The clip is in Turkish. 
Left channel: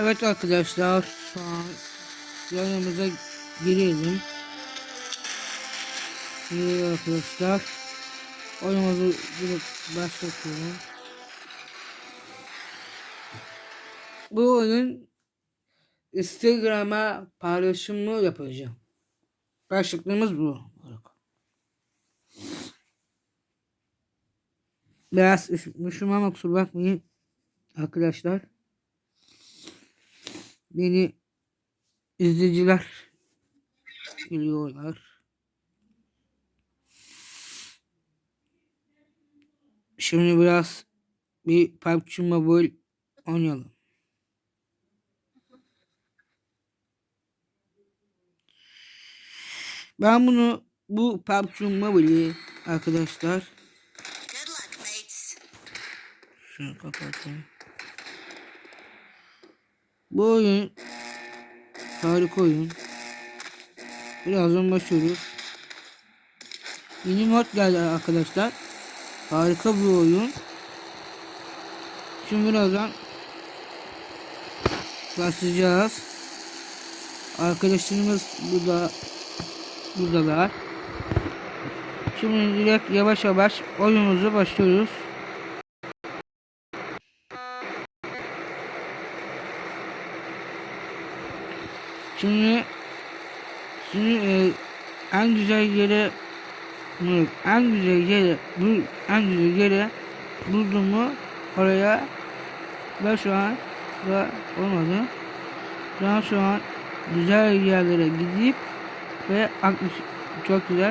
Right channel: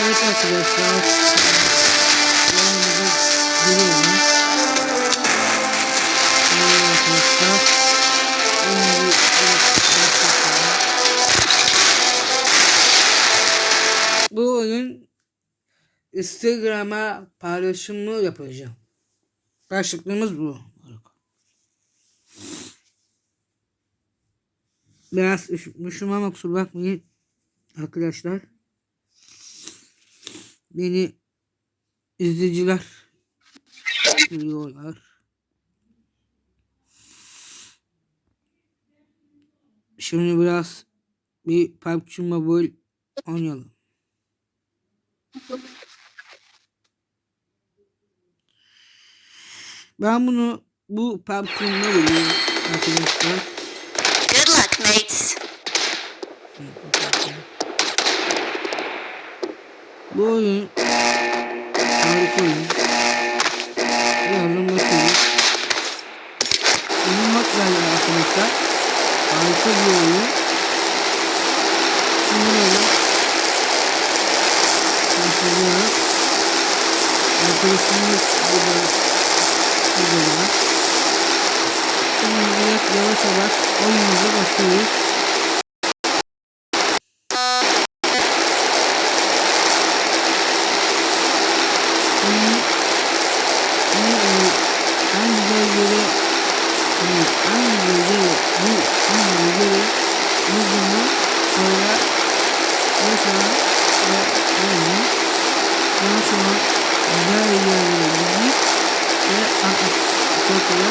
Evet arkadaşlar. Yanımıza girelim. Evet arkadaşlar. Onu bir, başlatalım. Bu oyun Instagram'a paylaşımı yapacağım. Başlıklığımız bu. Biraz üşümüşüm ama kusura bakmayın arkadaşlar. Beni izleyiciler biliyorlar. Şimdi biraz bir PUBG Mobile oynayalım. Ben bunu bu PUBG Mobile'i arkadaşlar Good luck, mates. Şunu kapatayım. Bu oyun harika oyun. Birazdan bakıyoruz. Yeni mod geldi arkadaşlar. Harika bir oyun. Şimdi birazdan başlayacağız. Arkadaşımız burada burada var. Şimdi yavaş yavaş oyunumuza başlıyoruz. Şimdi, şimdi e, en güzel yere yani en güzel yere bu en güzel yere buldum mu oraya ve an ve onu daha sonra güzel yerlere gidip ve 64 lira